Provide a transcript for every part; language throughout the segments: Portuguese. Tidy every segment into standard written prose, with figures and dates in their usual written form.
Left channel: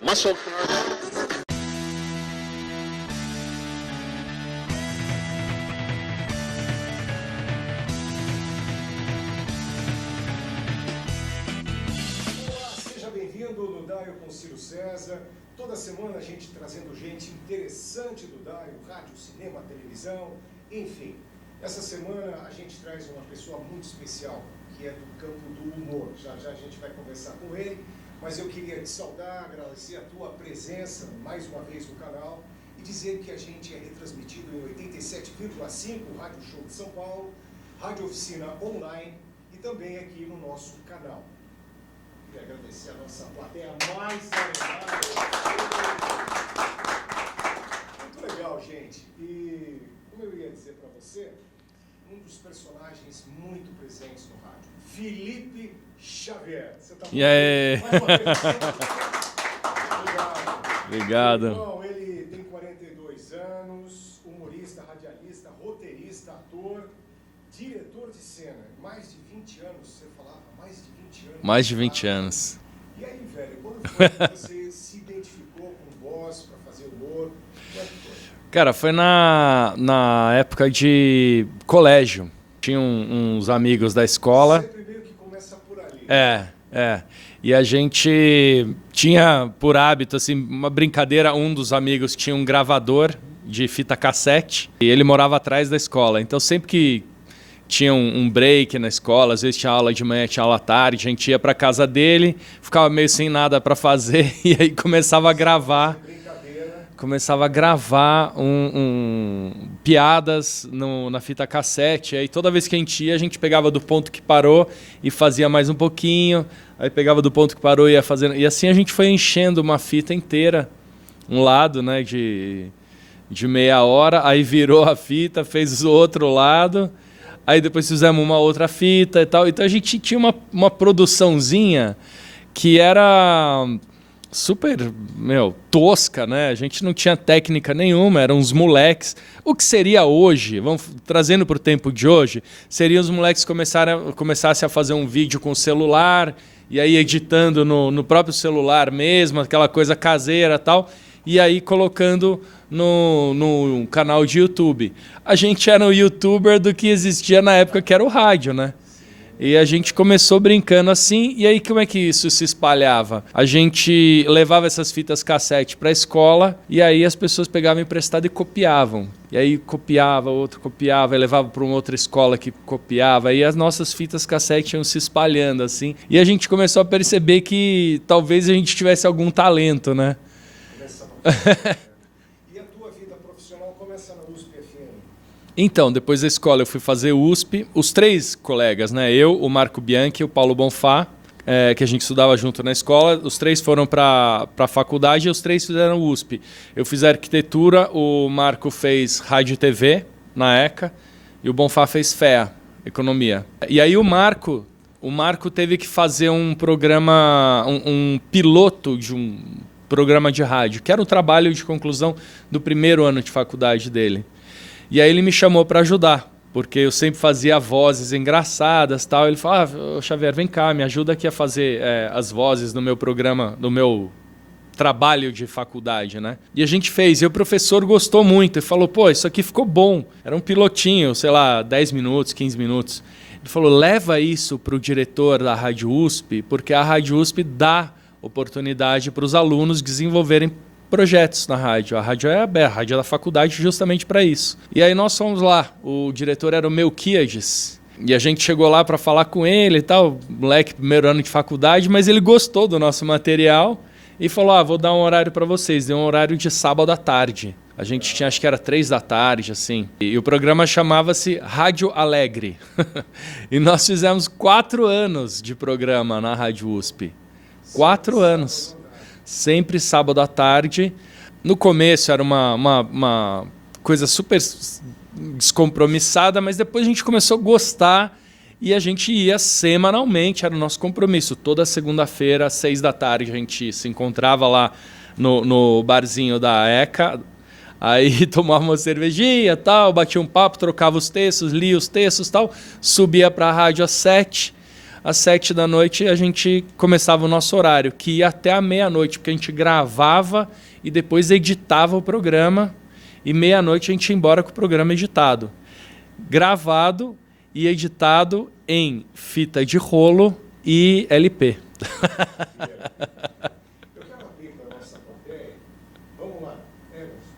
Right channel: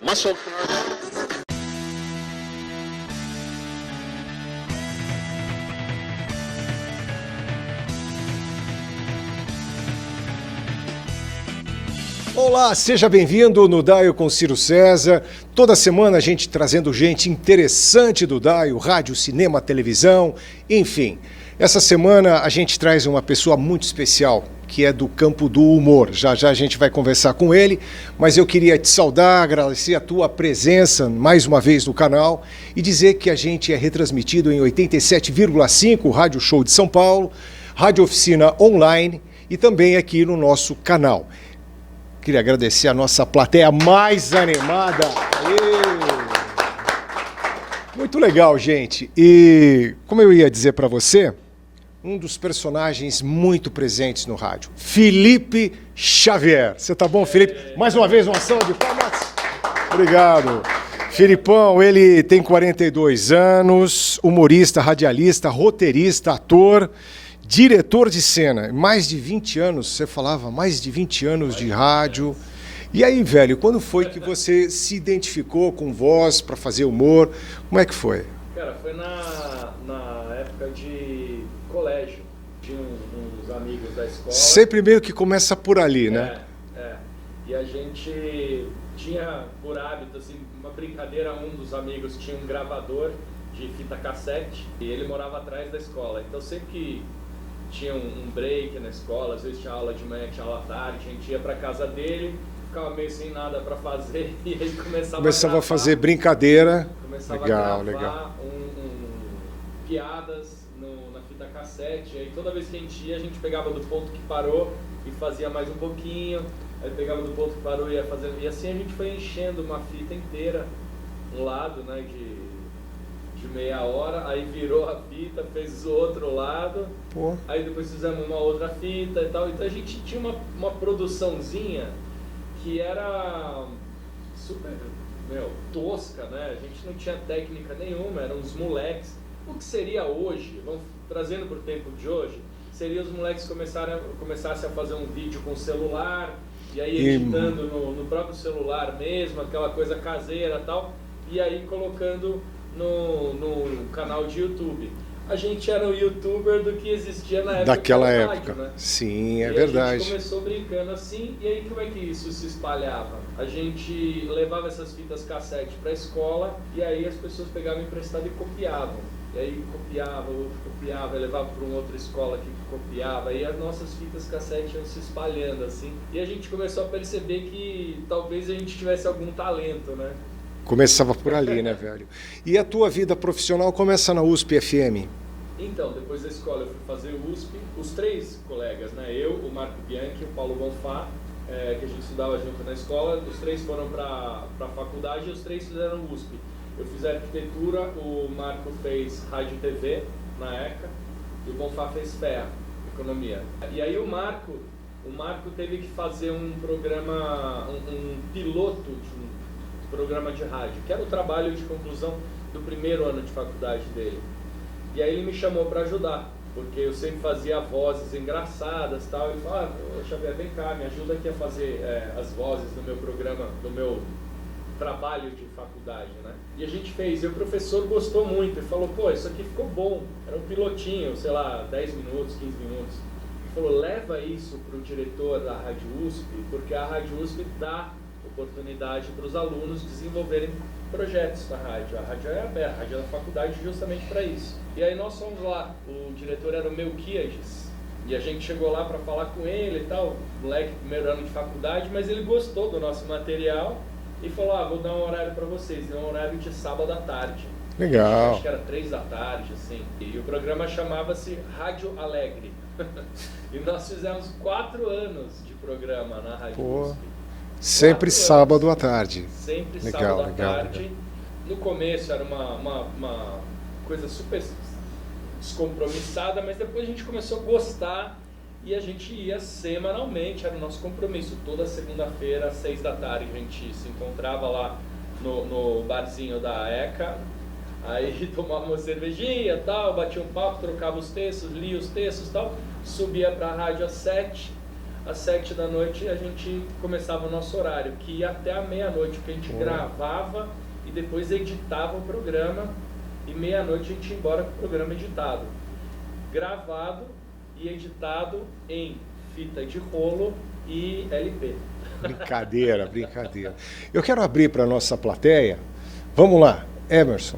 Muscle. Olá, seja bem-vindo no Daio com Ciro César. Toda semana a gente trazendo gente interessante do Daio, rádio, cinema, televisão, enfim. Essa semana a gente traz uma pessoa muito especial, que é do campo do humor. Já já a gente vai conversar com ele, mas eu queria te saudar, agradecer a tua presença mais uma vez no canal e dizer que a gente é retransmitido em 87,5, Rádio Show de São Paulo, Rádio Oficina Online e também aqui no nosso canal. Queria agradecer a nossa plateia mais animada. Muito legal, gente. E como eu ia dizer para você, um dos personagens muito presentes no rádio, Felipe Xavier. Você tá bom, Felipe? Mais uma vez, uma salva de palmas. Obrigado. Filipão, ele tem 42 anos, humorista, radialista, roteirista, ator, diretor de cena. Mais de 20 anos, você falava, mais de 20 anos mais de 20 rádio. Anos. E aí, velho, quando foi que você se identificou com voz para fazer humor? Como é que foi? Cara, foi na época de colégio. Tinha uns amigos da escola. Sempre meio que começa por ali, né? É. E a gente tinha por hábito, assim, uma brincadeira. Um dos amigos tinha um gravador de fita cassete e ele morava atrás da escola. Então, sempre que tinha um break na escola, às vezes tinha aula de manhã, tinha aula à tarde, a gente ia para casa dele, ficava meio sem nada para fazer e aí começava a gravar. Fazer brincadeira. Começava a gravar piadas na fita cassete. Aí toda vez que a gente pegava do ponto que parou e fazia mais um pouquinho. Aí pegava do ponto que parou e ia fazendo. E assim a gente foi enchendo uma fita inteira, um lado, né, de meia hora, aí virou a fita, fez o outro lado, aí depois fizemos uma outra fita e tal. Então a gente tinha uma produçãozinha que era super, tosca, né? A gente não tinha técnica nenhuma, eram uns moleques. O que seria hoje, vamos trazendo para o tempo de hoje, seria os moleques começassem a fazer um vídeo com o celular, e aí editando no próprio celular mesmo, aquela coisa caseira e tal, e aí colocando no canal de YouTube. A gente era um youtuber do que existia na época que era o rádio, né? Sim, E a gente começou brincando assim, e aí como é que isso se espalhava? A gente levava essas fitas cassete para a escola, e aí as pessoas pegavam emprestado e copiavam. E aí copiava, outro copiava, e levava para uma outra escola que copiava, e as nossas fitas cassete iam se espalhando assim. E a gente começou a perceber que talvez a gente tivesse algum talento, né? Começava por ali, né, velho? E a tua vida profissional começa na USP FM? Então, depois da escola eu fui fazer USP. Os três colegas, né? Eu, o Marco Bianchi e o Paulo Bonfá, que a gente estudava junto na escola. Os três foram para a faculdade e os três fizeram USP. Eu fiz arquitetura, o Marco fez rádio e TV na ECA e o Bonfá fez FEA, economia. E aí o Marco teve que fazer um programa, um piloto de um programa de rádio, que era um trabalho de conclusão do primeiro ano de faculdade dele. E aí ele me chamou para ajudar, porque eu sempre fazia vozes engraçadas, tal. Ele falou: "Ah, Xavier, vem cá, me ajuda aqui a fazer as vozes no meu programa, no meu trabalho de faculdade, né?" E a gente fez, e o professor gostou muito e falou: "Pô, isso aqui ficou bom." Era um pilotinho, sei lá, 10 minutos, 15 minutos. Ele falou: "Leva isso para o diretor da Rádio USP, porque a Rádio USP dá oportunidade para os alunos desenvolverem projetos na rádio. A rádio é aberta, a rádio é da faculdade justamente para isso." E aí nós fomos lá, o diretor era o Melquiades, e a gente chegou lá para falar com ele e tal, moleque, primeiro ano de faculdade, mas ele gostou do nosso material e falou: "Vou dar um horário para vocês." Deu um horário de sábado à tarde. A gente tinha, acho que era 3 da tarde, assim. E o programa chamava-se Rádio Alegre. E nós fizemos 4 anos de programa na Rádio USP. Sempre sábado à tarde. Sempre sábado à tarde. No começo era uma coisa super descompromissada, mas depois a gente começou a gostar e a gente ia semanalmente, era o nosso compromisso. Toda segunda-feira, às 6 da tarde, a gente se encontrava lá no barzinho da ECA, aí tomava uma cervejinha, tal, batia um papo, trocava os textos, lia os textos, tal, subia para a rádio às 7. às 7 da noite a gente começava o nosso horário, que ia até a meia-noite, porque a gente gravava e depois editava o programa, e meia-noite a gente ia embora com o programa editado. Gravado e editado em fita de rolo e LP. Brincadeira. Eu quero abrir para a nossa plateia. Vamos lá, Emerson.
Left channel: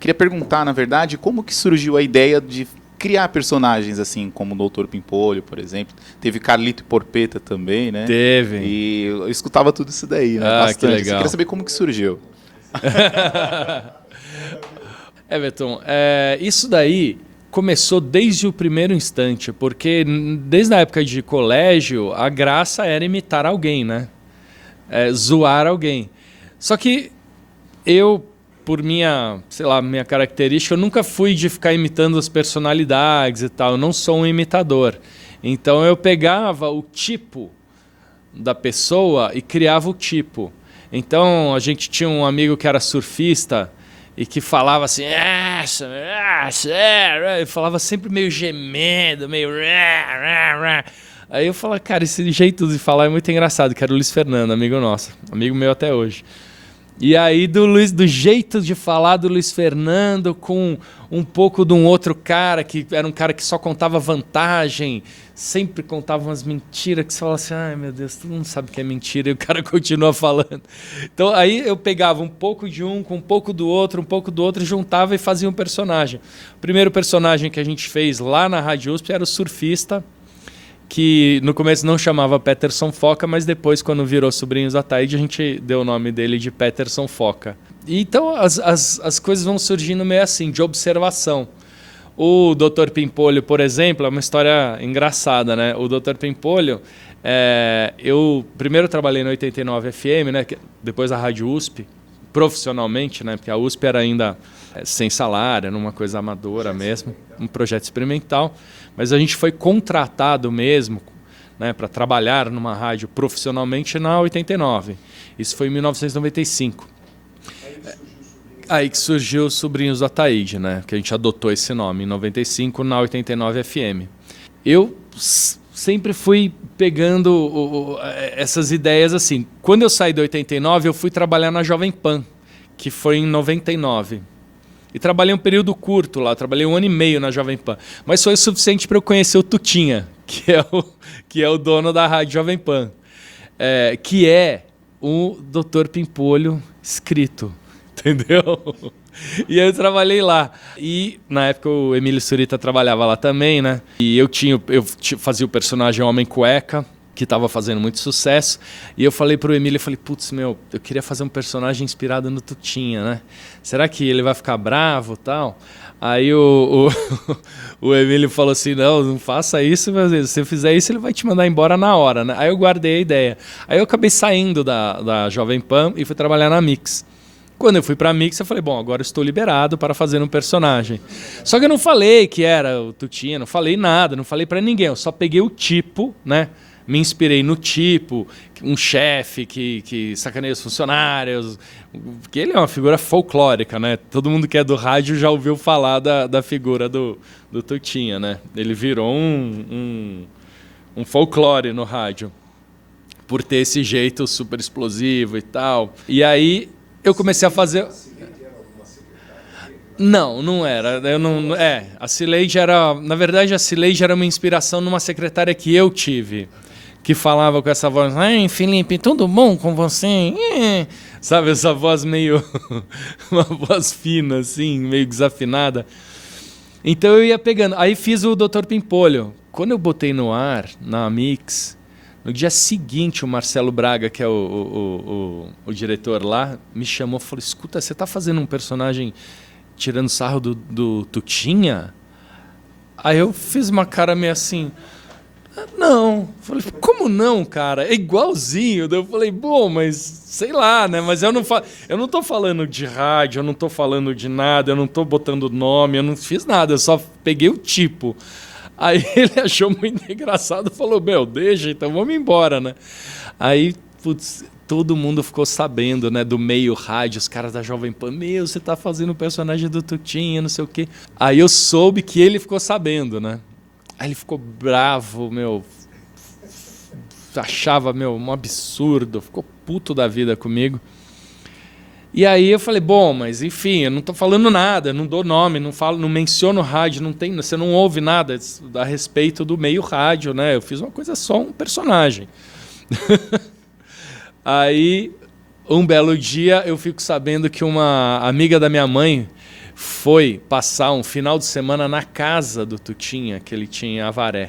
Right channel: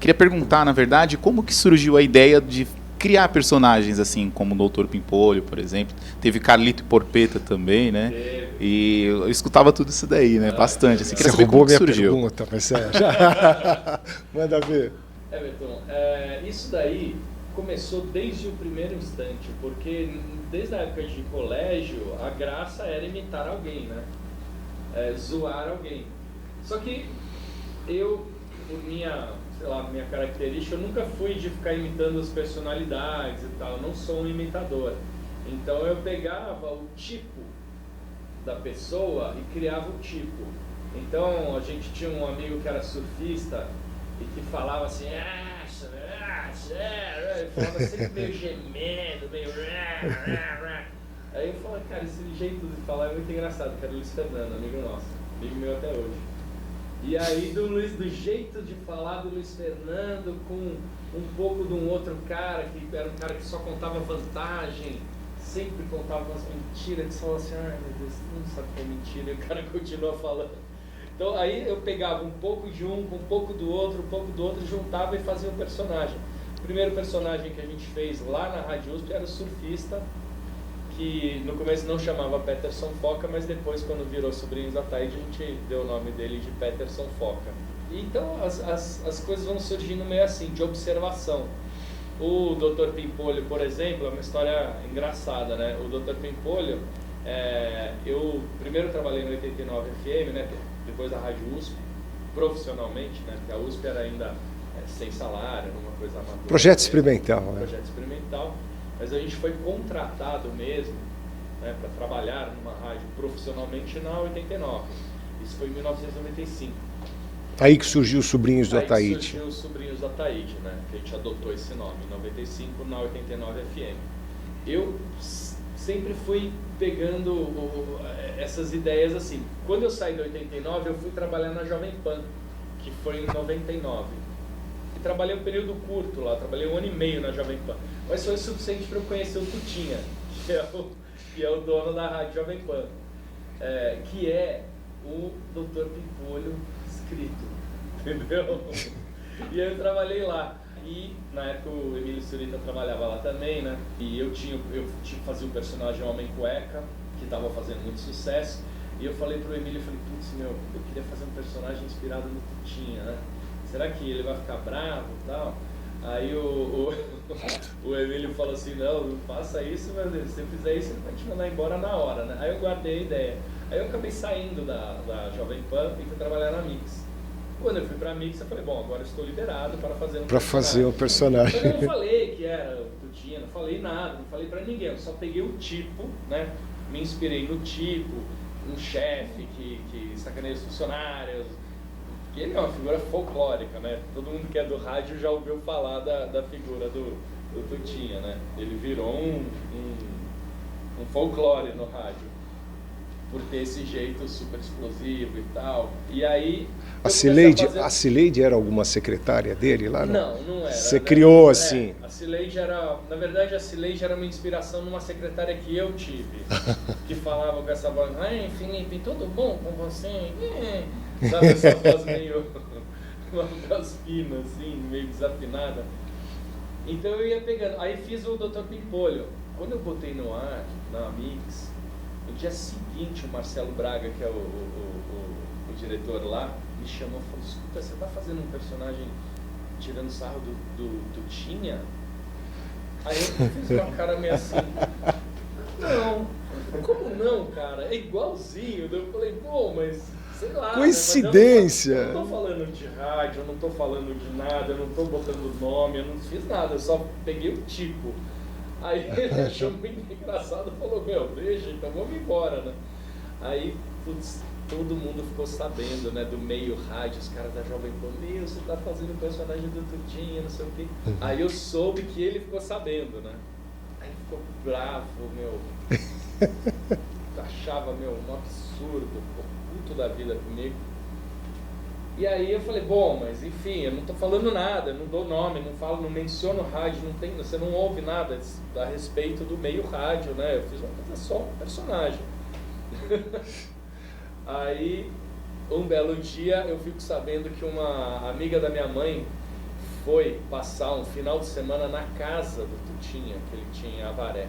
Queria perguntar, na verdade, como que surgiu a ideia de criar personagens assim, como o Dr. Pimpolho, por exemplo. Teve Carlito e Porpeta também, né? Teve. E eu escutava tudo isso daí, né? Bastante. Que legal. Queria saber como que surgiu. Pergunta, Manda ver. Everton, isso daí começou desde o primeiro instante, porque desde a época de colégio, a graça era imitar alguém, né? Zoar alguém. Só que eu, por minha característica, eu nunca fui de ficar imitando as personalidades e tal. Eu não sou um imitador. Então eu pegava o tipo da pessoa e criava o tipo. Então a gente tinha um amigo que era surfista e que falava assim, eu falava sempre meio gemendo, meio... Aí eu falava, cara, esse jeito de falar é muito engraçado, que era o Luiz Fernando, amigo nosso, amigo meu até hoje. E aí do jeito de falar do Luiz Fernando com um pouco de um outro cara, que era um cara que só contava vantagem, sempre contava umas mentiras que você fala assim, ai meu Deus, todo mundo sabe que é mentira, e o cara continua falando. Então aí eu pegava um pouco de um, com um pouco do outro, juntava e fazia um personagem. O primeiro personagem que a gente fez lá na Rádio USP era o surfista, que no começo não chamava Peterson Foca, mas depois, quando virou Sobrinhos da Taíde, a gente deu o nome dele de Peterson Foca. E então as coisas vão surgindo meio assim, de observação. O Dr. Pimpolho, por exemplo, é uma história engraçada, né? O Dr. Pimpolho, eu primeiro trabalhei na 89 FM, né? Depois da Rádio USP, profissionalmente, né? Porque a USP era ainda sem salário, numa coisa amadora projeto mesmo. Experimental. Um projeto experimental. Mas a gente foi contratado mesmo, né, para trabalhar numa rádio profissionalmente na 89. Isso foi em 1995. Aí que surgiu os Sobrinhos do Ataíde. Aí que surgiu os Sobrinhos do Ataíde, né? Que a gente adotou esse nome em 95 na 89 FM. Eu sempre fui pegando essas ideias assim. Quando eu saí da 89, eu fui trabalhar na Jovem Pan, que foi em 99. E trabalhei um período curto lá, trabalhei 1 ano e meio na Jovem Pan. Mas foi o suficiente para eu conhecer o Tutinha, que é o dono da Rádio Jovem Pan, que é o Dr. Pimpolho escrito, entendeu? E eu trabalhei lá. E na época o Emílio Surita trabalhava lá também, né? E eu fazia o personagem Homem Cueca, que estava fazendo muito sucesso. E eu falei pro Emílio, putz, eu queria fazer um personagem inspirado no Tutinha, né? Será que ele vai ficar bravo e tal? Aí o Emílio falou assim, não faça isso, meu Deus, se você fizer isso, ele vai te mandar embora na hora, né? Aí eu guardei a ideia. Aí eu acabei saindo da Jovem Pan e fui trabalhar na Mix. Quando eu fui pra Mix, eu falei, bom, agora eu estou liberado para fazer um personagem. Só que eu não falei que era o Tutinha, não falei nada, não falei pra ninguém, eu só peguei o tipo, né? Me inspirei no tipo, um chefe que sacaneia os funcionários, porque ele é uma figura folclórica, né? Todo mundo que é do rádio já ouviu falar da figura do Tutinha, né? Ele virou um folclore no rádio, por ter esse jeito super explosivo e tal. E aí eu comecei a fazer... A Cileide era alguma secretária dele lá? Não era. Você criou assim? A Cileide era... Na verdade, a Cileide era uma inspiração numa secretária que eu tive, que falava com essa voz, ai, Felipe, tudo bom com você? Sabe, essa voz meio... uma voz fina, assim, meio desafinada. Então eu ia pegando. Aí fiz o Dr. Pimpolho. Quando eu botei no ar, na Mix, no dia seguinte, o Marcelo Braga, que é o diretor lá, me chamou e falou, escuta, você tá fazendo um personagem tirando sarro do Tutinha? Aí eu fiz uma cara meio assim... Não. Falei, como não, cara? É igualzinho. Daí eu falei, bom, mas sei lá, né? Mas eu não tô falando de rádio, eu não tô falando de nada, eu não tô botando nome, eu não fiz nada, eu só peguei o tipo. Aí ele achou muito engraçado e falou, deixa, então vamos embora, né? Aí, putz, todo mundo ficou sabendo, né? Do meio rádio, os caras da Jovem Pan, você tá fazendo o personagem do Tutinha, não sei o quê. Aí eu soube que ele ficou sabendo, né? Aí ele ficou bravo, achava, um absurdo, ficou puto da vida comigo. E aí eu falei, bom, mas enfim, eu não tô falando nada, não dou nome, não falo, não menciono rádio, você não ouve nada a respeito do meio rádio, né? Eu fiz uma coisa só, um personagem. Aí, um belo dia, eu fico sabendo que uma amiga da minha mãe foi passar um final de semana na casa do Tutinha, que ele tinha em Avaré.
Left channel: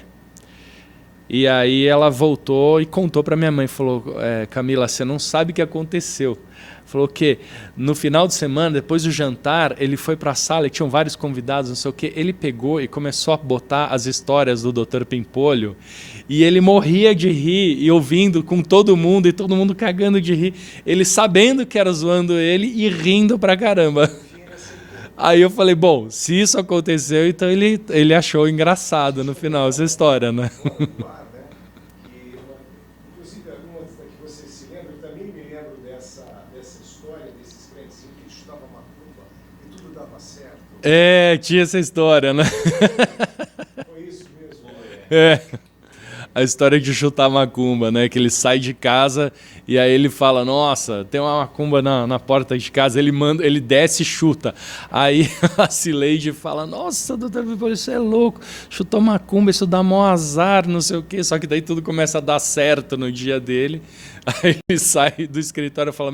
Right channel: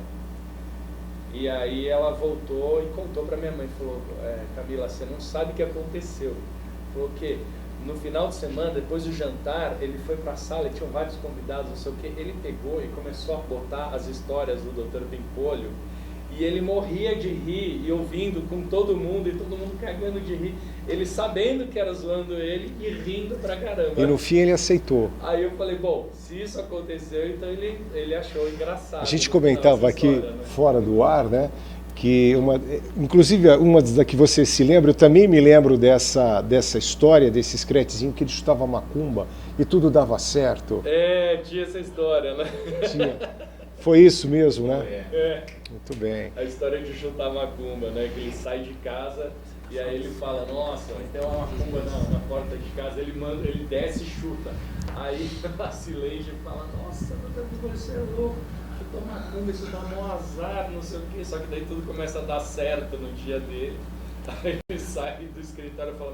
E aí ela voltou e contou para minha mãe, falou, Camila, você não sabe o que aconteceu. Falou que no final de semana, depois do jantar, ele foi para a sala e tinham vários convidados, não sei o quê. Ele pegou e começou a botar as histórias do Dr. Pimpolho e ele morria de rir e ouvindo com todo mundo e todo mundo cagando de rir. Ele sabendo que era zoando ele e rindo pra caramba. E no fim ele aceitou. Aí eu falei, bom, se isso aconteceu, então ele achou engraçado no final essa história, né? Fora do ar, né? Que inclusive uma das que você se lembra, eu também me lembro dessa história, desse scratchzinho que ele chutava macumba e tudo dava certo. Tinha essa história, né? Foi isso mesmo, né? Muito bem. A história de chutar macumba, né? Que ele sai de casa e aí ele fala, nossa, tem uma macumba na porta de casa, ele desce e chuta. Aí a Cileide fala, nossa, doutor Pimpolho, isso é louco, chutou macumba, isso dá mó azar, não sei o quê. Só que daí tudo começa a dar certo no dia dele. Aí ele sai do escritório e fala,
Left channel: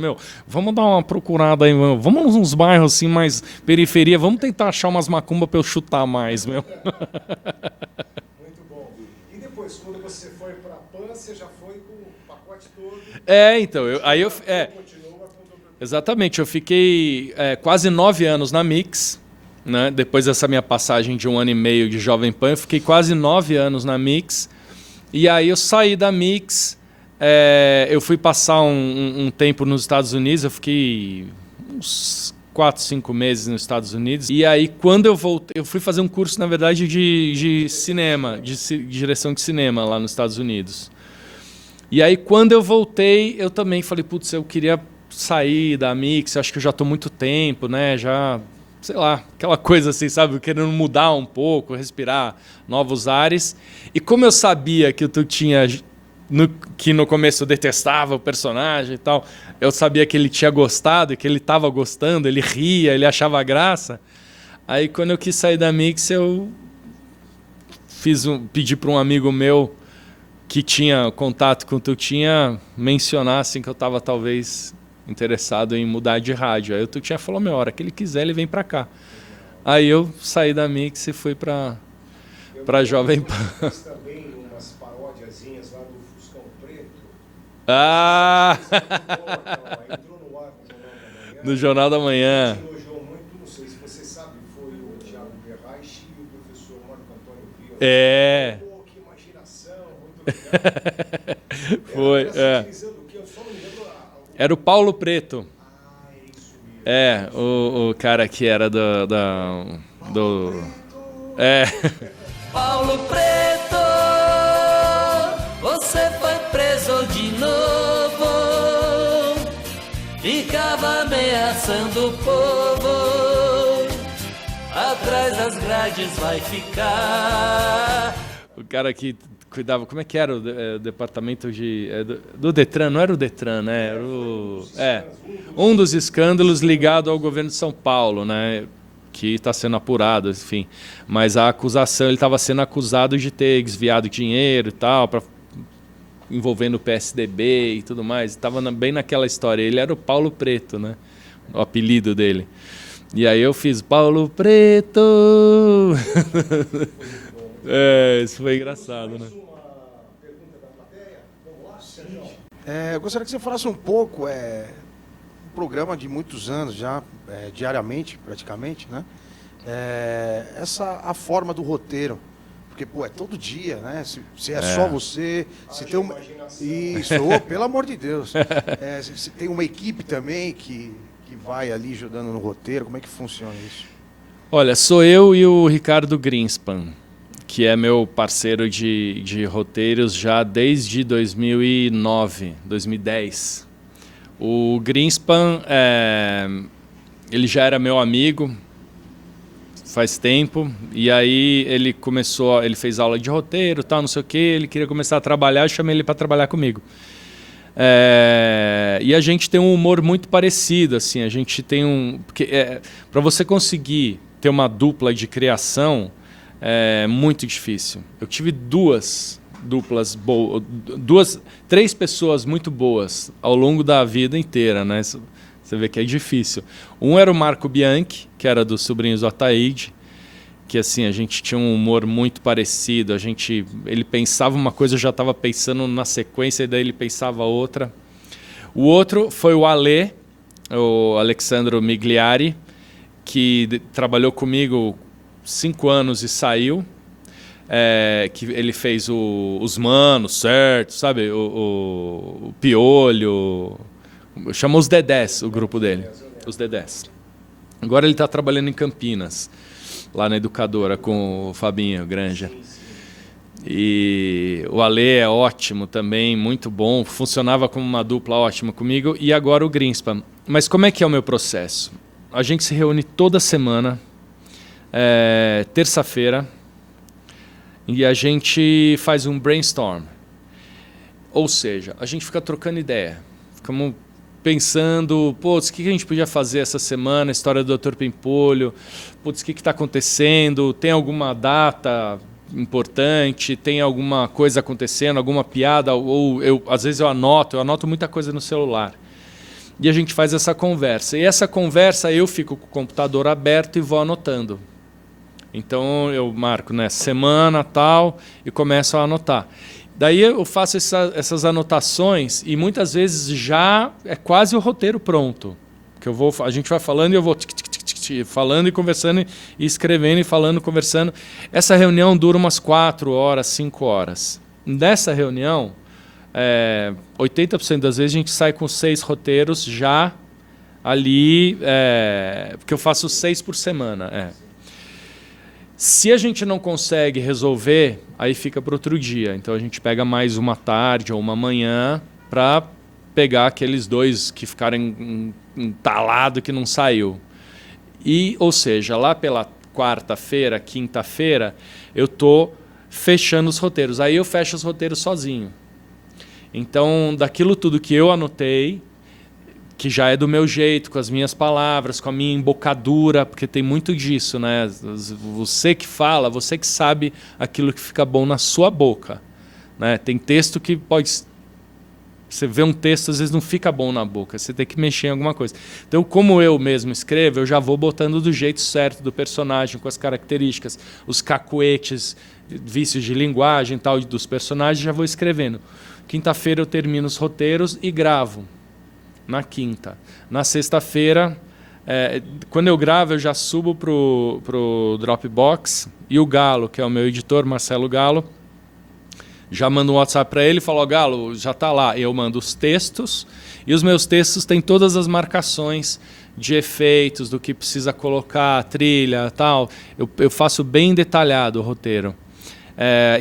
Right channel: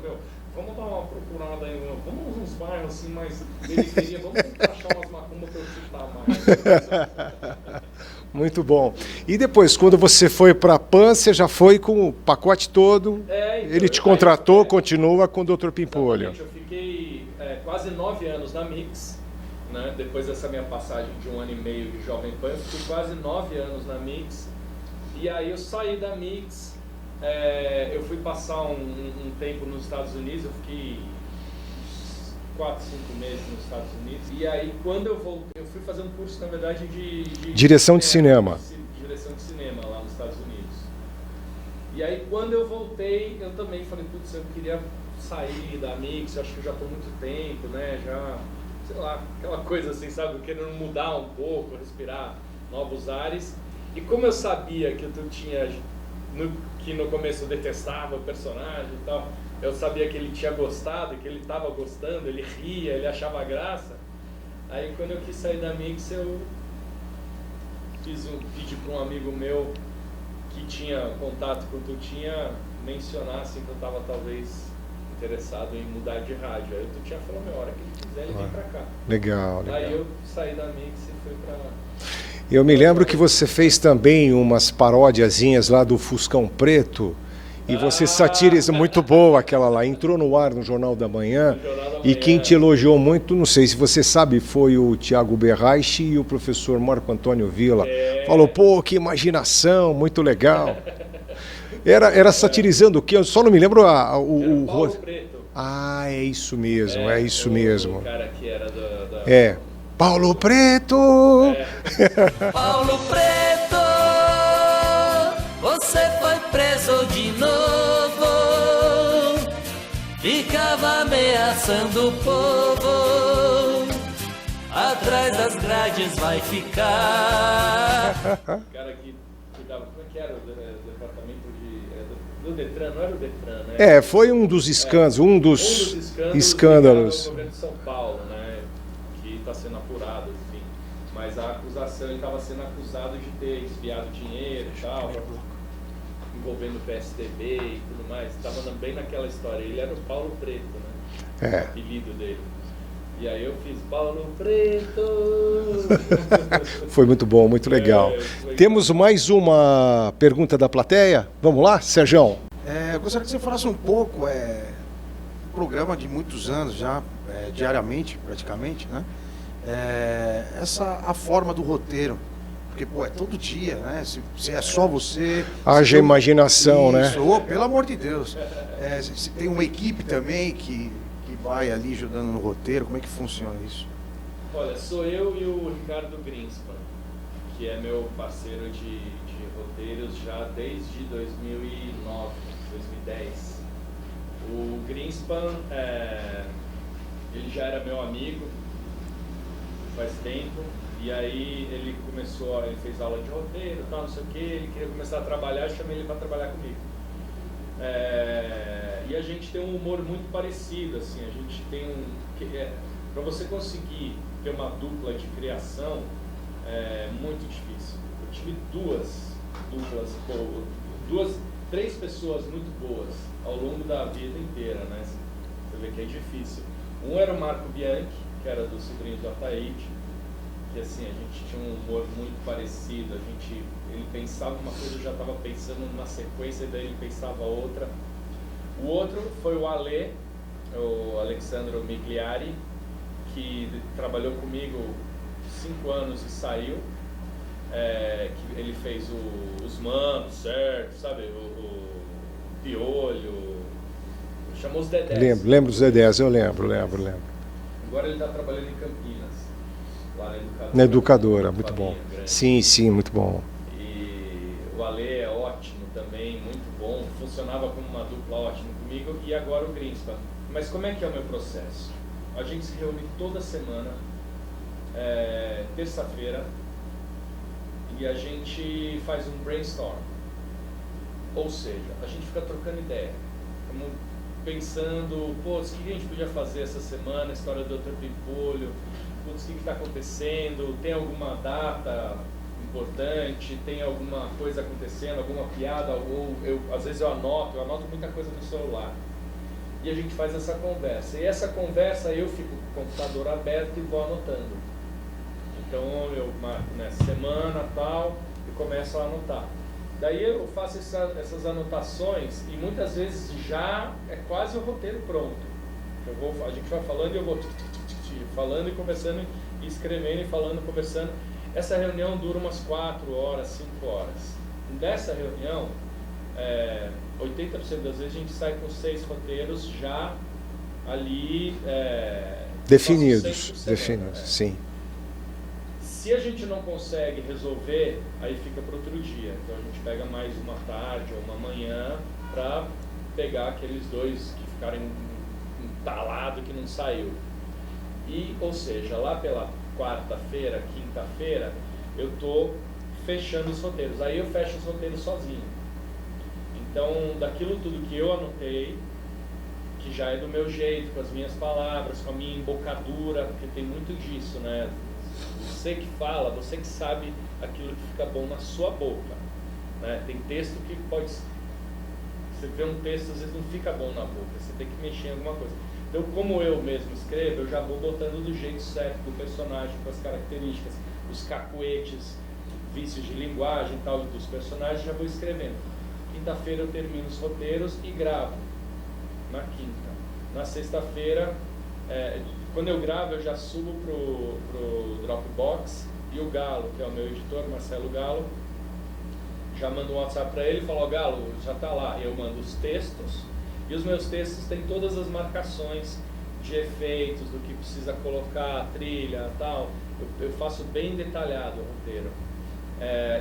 vamos dar uma procurada aí, vamos nos bairros assim, mais periferia, vamos tentar achar umas macumbas para eu chutar mais, Muito bom. E depois, quando você foi para a PAN, você já foi com o pacote todo? Então. Ele te contratou, continua com o Dr. Pimpolho. Exatamente, eu fiquei quase 9 anos na Mix, né? Depois dessa minha passagem de 1 ano e meio de Jovem Pan, eu fiquei quase 9 anos na Mix, e aí eu saí da Mix. Eu fui passar um tempo nos Estados Unidos, eu fiquei uns 4, 5 meses nos Estados Unidos. E aí, quando eu voltei, eu fui fazer um curso, na verdade, de direção de cinema. De direção de cinema lá nos Estados Unidos. E aí, quando eu voltei, eu também falei, putz, eu queria sair da Mix, acho que eu já estou muito tempo, né? Já, sei lá, aquela coisa assim, sabe? Querendo mudar um pouco, respirar novos ares. E como eu sabia que tu tinha... que no começo eu detestava o personagem e tal, eu sabia que ele tinha gostado, que ele estava gostando, ele ria, ele achava graça. Aí quando eu quis sair da Mix, eu pedi para um amigo meu que tinha contato com o Tutinha mencionar assim, que eu estava talvez interessado em mudar de rádio. Aí o Tutinha falou, a hora que ele quiser, ele vem para cá. Legal. Aí eu saí da Mix e fui para... Eu me lembro que você fez também umas paródiazinhas lá do Fuscão Preto. E você satiriza, muito boa aquela lá. Entrou no ar no Jornal da Manhã. No Jornal da Manhã. E quem te elogiou muito, não sei se você sabe, foi o Tiago Berraich e o professor Marco Antônio Villa. Falou, pô, que imaginação, muito legal. Era satirizando o quê? Eu só não me lembro Era o Paulo Preto. É isso mesmo, é isso mesmo. O cara que era da... Paulo Preto! Paulo Preto, você foi preso de novo. Ficava ameaçando o povo. Atrás das grades vai ficar. O cara que cuidava, como é que era o departamento do Detran? Não era o Detran, né? Foi um dos escândalos. Um dos escândalos ligado ao governo de São Paulo, né? Que está sendo apurado, enfim. Mas a acusação, ele estava sendo acusado de ter desviado dinheiro e tal, envolvendo o PSDB e tudo mais. Estava bem naquela história. Ele era o Paulo Preto, né? O apelido dele. E aí eu fiz Paulo Preto. Foi muito bom, muito legal. Temos engraçado. Mais uma pergunta da plateia. Vamos lá, Serjão? Eu gostaria que você falasse um pouco, um programa de muitos anos já, diariamente praticamente, né? A forma do roteiro, porque é todo dia, né? Se é só você... Haja imaginação, né? Pelo amor de Deus. Você tem uma equipe também que vai ali ajudando no roteiro, como é que funciona isso? Olha, sou eu e o Ricardo Greenspan, que é meu parceiro de roteiros já desde 2009, 2010. O Greenspan, ele já era meu amigo, faz tempo. E aí ele fez aula de roteiro, tal, não sei o quê. Ele queria começar a trabalhar, eu chamei ele para trabalhar comigo. E a gente tem um humor muito parecido, assim. A gente tem para você conseguir ter uma dupla de criação é muito difícil. Eu tive três pessoas muito boas ao longo da vida inteira, né? Você vê que é difícil. Um era o Marco Bianchi, que era dos Sobrinhos do Ataíde, que assim, a gente tinha um humor muito parecido. Ele pensava uma coisa, eu já estava pensando na sequência, e daí ele pensava outra. O outro foi o Ale, o Alexandro Migliari, que trabalhou comigo 5 anos e saiu. Que ele fez os Manos, certo? Sabe? O Piolho. Chamou os Dedés. Lembro dos Dedés, eu lembro. Agora ele está trabalhando em Campinas, lá na Educadora com o Fabinho, bom. Grande. Sim, muito bom. E o Ale é ótimo também, muito bom. Funcionava como uma dupla ótima comigo. E agora o Greenspan. Mas como é que é o meu processo? A gente se reúne toda semana, terça-feira, e a gente faz um brainstorm. Ou seja, a gente fica trocando ideia. Ficamos pensando, putz, o que a gente podia fazer essa semana? A história do Dr. Pimpolho. Putz, o que está acontecendo? Tem alguma data importante? Tem alguma coisa acontecendo? Alguma piada? Ou às vezes eu anoto muita coisa no celular. E a gente faz essa conversa. E essa conversa eu fico com o computador aberto e vou anotando. Então eu marco, né, semana tal, e começo a anotar. Daí eu faço essas anotações e muitas vezes já é quase o roteiro pronto. Que a gente vai falando e eu vou falando e conversando e escrevendo e falando, conversando. Essa reunião dura umas 4 horas, 5 horas. Nessa reunião, 80% das vezes a gente sai com 6 roteiros já ali, porque eu faço 6 por semana. Sim. Se a gente não consegue resolver, aí fica para outro dia. Então a gente pega mais uma tarde ou uma manhã para pegar aqueles 2 que ficaram entalados que não saiu. Ou seja, lá pela quarta-feira, quinta-feira, eu estou fechando os roteiros. Aí eu fecho os roteiros sozinho. Então, daquilo tudo que eu anotei, que já é do meu jeito, com as minhas palavras, com a minha embocadura, porque tem muito disso, né? Você que fala, você que sabe aquilo que fica bom na sua boca, né? Tem texto que pode... Você vê um texto, às vezes não fica bom na boca, você tem que mexer em alguma coisa. Então, como eu mesmo escrevo, eu já vou botando do jeito certo do personagem, com as características, os cacuetes, vícios de linguagem e tal dos personagens, já vou escrevendo. Quinta-feira eu termino os roteiros e gravo. Na quinta. Na sexta-feira, quando eu gravo, eu já subo pro Dropbox e o Galo, que é o meu editor, Marcelo Galo, já mando um WhatsApp para ele e falo, Galo, já está lá. Eu mando os textos e os meus textos têm todas as marcações de efeitos, do que precisa colocar, trilha, tal. Eu faço bem detalhado o roteiro.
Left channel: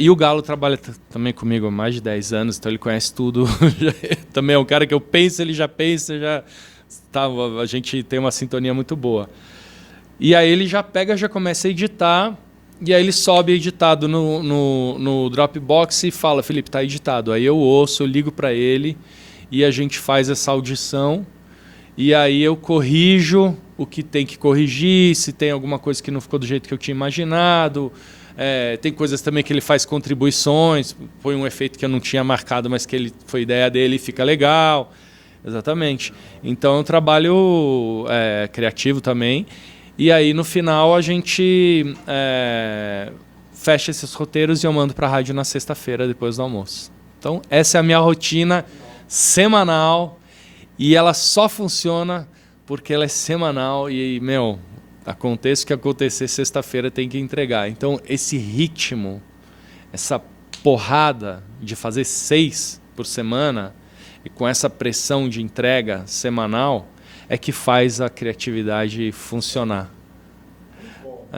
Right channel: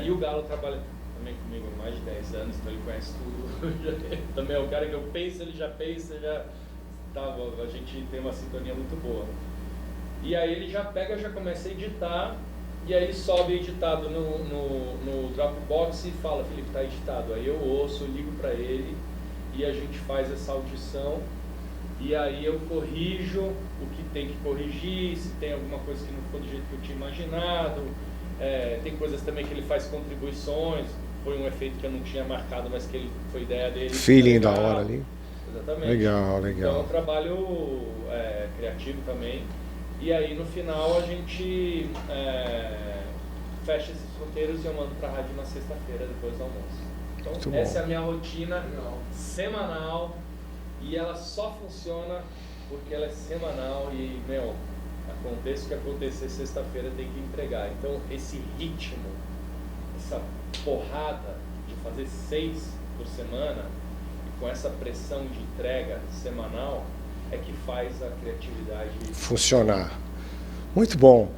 E o Galo trabalha também comigo há mais de 10 anos, então ele conhece tudo. Também é um cara que eu penso, ele já pensa, a gente tem uma sintonia muito boa. E aí ele já começa a editar, e aí ele sobe editado no Dropbox e fala, Felipe, tá editado. Aí eu ouço, eu ligo para ele e a gente faz essa audição. E aí eu corrijo o que tem que corrigir, se tem alguma coisa que não ficou do jeito que eu tinha imaginado. Tem coisas também que ele faz contribuições, põe um efeito que eu não tinha marcado, mas que foi ideia dele, fica legal. Exatamente. Legal. Então é um trabalho criativo também. E aí no final a gente fecha esses roteiros e eu mando para a rádio na sexta-feira, depois do almoço. Então essa é a minha rotina semanal e ela só funciona porque ela é semanal e, aconteça o que acontecer, sexta-feira tem que entregar. Então, esse ritmo, essa porrada de fazer 6 por semana e com essa pressão de entrega semanal é que faz a criatividade funcionar. Muito bom.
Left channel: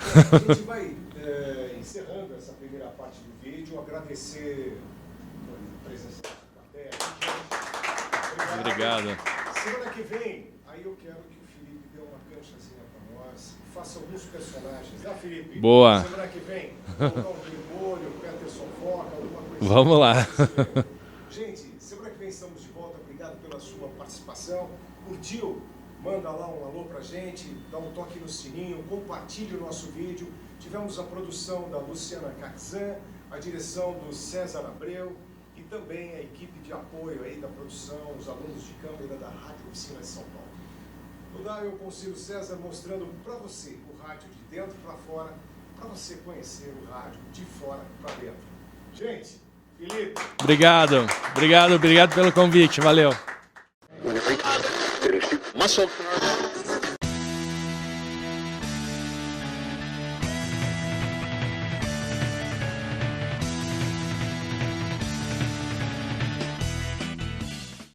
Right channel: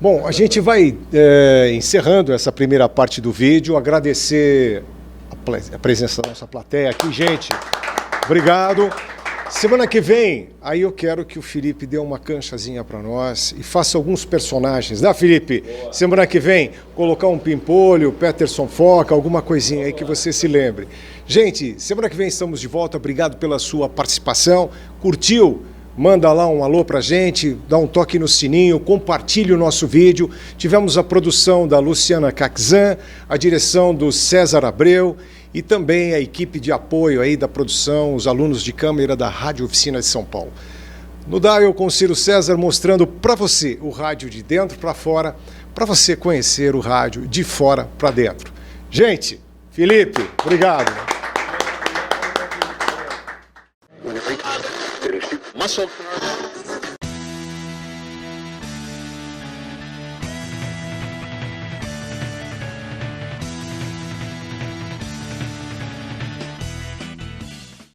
Bom, a gente vai encerrando essa primeira parte do vídeo. Agradecer a presença da nossa plateia aqui, gente. Obrigado. Semana que vem, aí eu quero que o Felipe dê uma canchazinha para nós e faça alguns personagens, né, Felipe? Boa. Semana que vem, colocar um Pimpolho, Peterson Foca, alguma coisinha aí Vamos que lá. você se lembre. Gente, semana que vem estamos de volta. Obrigado pela sua participação. Curtiu? Manda lá um alô pra gente, dá um toque no sininho, compartilhe o nosso vídeo. Tivemos a produção da Luciana Caxan, a direção do César Abreu e também a equipe de apoio aí da produção, os alunos de câmera da Rádio Oficina de São Paulo. No Dial com Ciro César, mostrando para você o rádio de dentro para fora, para você conhecer o rádio de fora para dentro. Gente, Felipe, obrigado. Obrigado pelo convite. Valeu. Muscle.